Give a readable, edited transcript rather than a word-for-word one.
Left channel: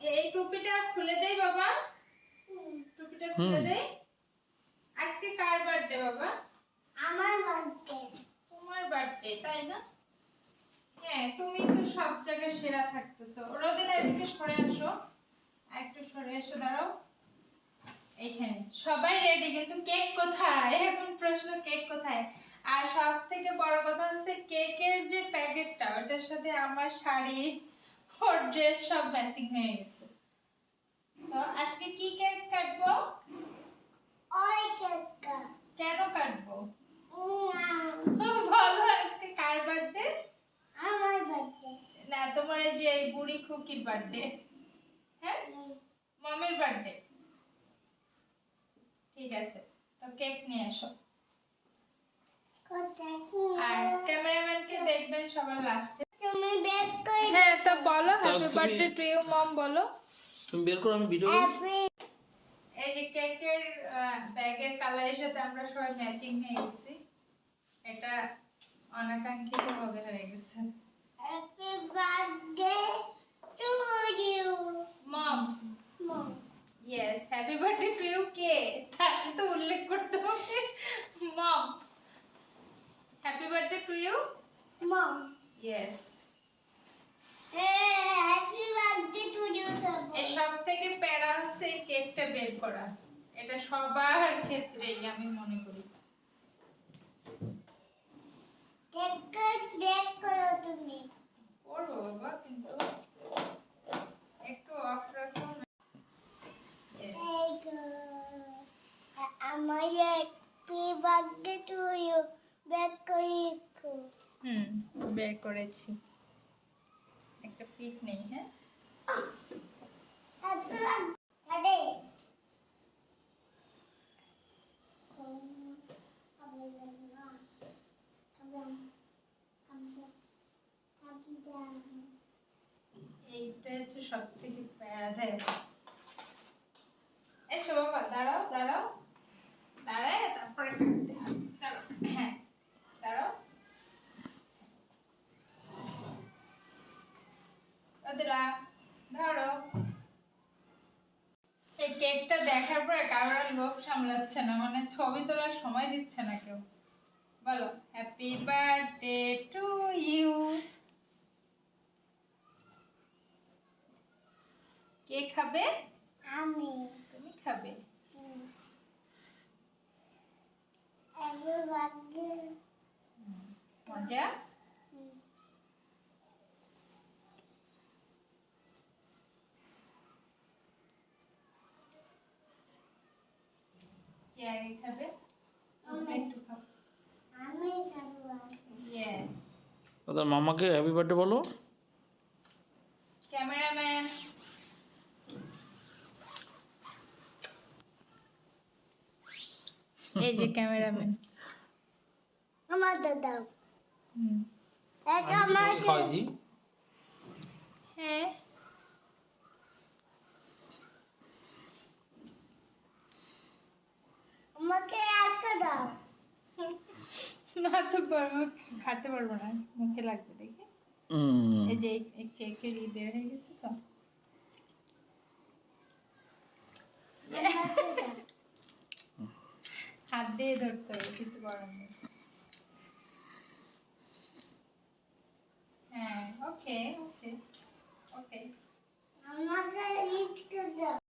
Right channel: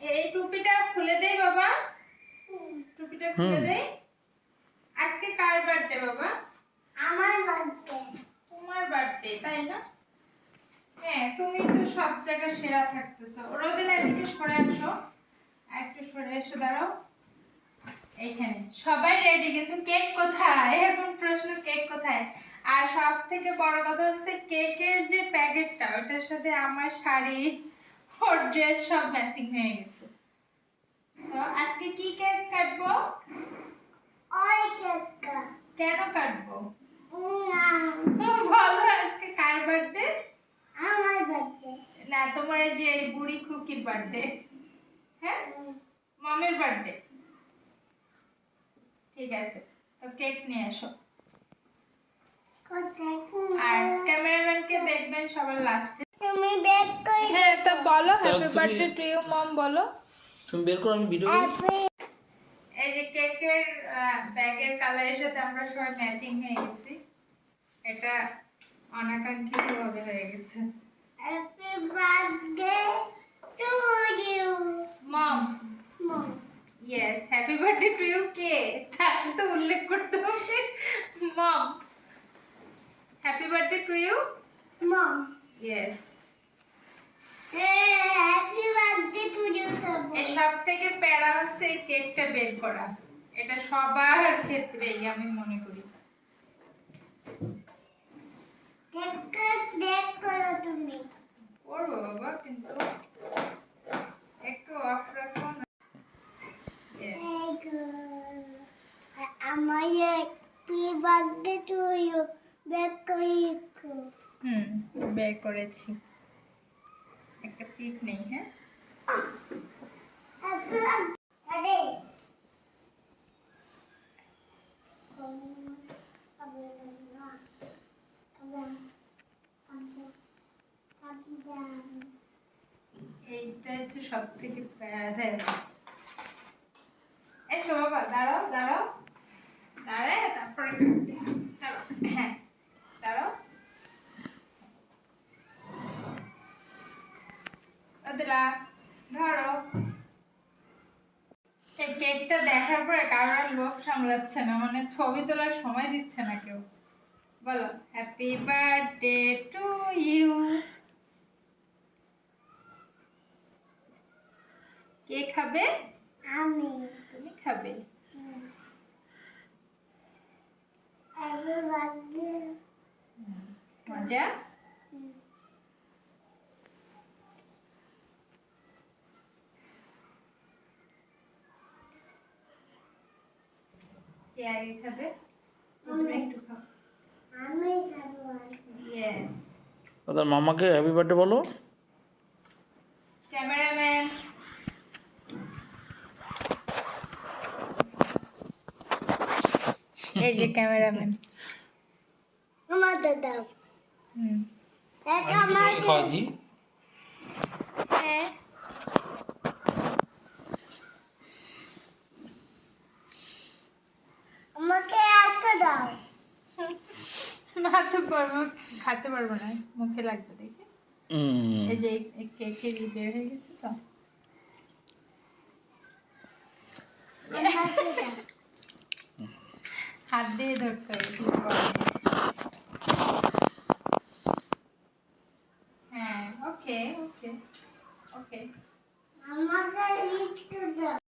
এই টুপিটা খুলে দেই বাবা, টুপিটা খুলে দেই। আজকে কার বার্থডে বাবা? আমার বার্থডে। তোমার বার্থডে তাই না? হ্যাঁ, তুমি তো সব জায়গায় সেরা থাকতেছো। রোদেলা এদিকে সরে আসো, একটু সরে এসে দাঁড়াও। এইখানে সবাই রেডি, কিন্তু কেক কোথায়? এখন প্রশ্ন, কেক কোথায়? আর সব থেকে বড় কথা হচ্ছে কেকের যে প্যাকেটটা, ওটার সাথে আমার শাড়ি, ওর ড্রেস সব ম্যাচিং হয়ে গেছে। তো আজকে কি কেক কাটবো? ওই কেক। কেন কাটবো না, বলো, আজকে কার বার্থডে? আমার বার্থডে। না, তোমার এই যে এই বুড়ি খুকির বার্থডে। হ্যাঁ, মমের বার্থডে। ঠিক আছে, তো কেক নিয়ে এসো। কোথায়? আর ক্যামেরাম্যানকে দেখবেন সবার লাস্টে। তুমি বেক করে। হ্যাঁ, তো বলো তা হ্যাপি তুমি- বার্থডে টু ইউ মম, বলো। তুমি বের করো, আমি ভিডিও করি। হ্যাপি। এই যে কেকের ব্যাগের কালারের সাথে আমরা সবাই ম্যাচিং হয়ে গেছি। এটা অনাকাঙ্ক্ষিত ভাবে হয়ে গেছে। Happy birthday to you mom, mom. Yes, happy birthday to you কে? তাহলে তো উল্লেখ করতে হবে mom. Happy birthday to you mom. Yes. Happy birthday to you এই সব থেকে প্যারা হচ্ছে এই কেকটা বের করা। এটা সবার ক্ষেত্রেই আমি মনে করি। কেকটা বেক করো তুমি। করবো বাবা, কিন্তু একটু অফ রাখো না। Yes. আমার happy birthday to you bake করে। বের করেছি। একটা পিক নেই, হ্যাঁ? Happy birthday. এইটা হচ্ছে সব থেকে প্যারা দেয়। এসো বাবা, দাঁড়াও দাঁড়াও, দাঁড়ায় তারপরে কাটতে হয়। চলো, হ্যাঁ দাঁড়াও। রোদেলা, ধরো। এই কেকটা দেখার পরে কারোর আর লোভ সামলাচ্ছে না, মানে ছবি তোলার সময় দিচ্ছে না কেউ। বলো হ্যাপি বার্থডে টু ইউ। কে খাবে? আমি। তুমি খাবে? Happy birthday. মজা? কে আগে খাবে? তুমি একটু খাও। আমি খাবো। ইয়েস। ওদের মামাকে হ্যাপি বার্থডে বলো। ক্যামেরাম্যান, এই যে ক্যামেরাম্যান। আমাদের দাও। এক আমি আমাকে। খাওয়াই দিই। হ্যাঁ, আমাকে একটা দাও। খেতে পারবো, খেতে পারবো না, মুখে লাগবে দেখে। এই যে কেকের বের হয়ে গেছে তো। আমাকে দাও। হাত দিয়ে ধরতে হবে, কিছু করার নেই।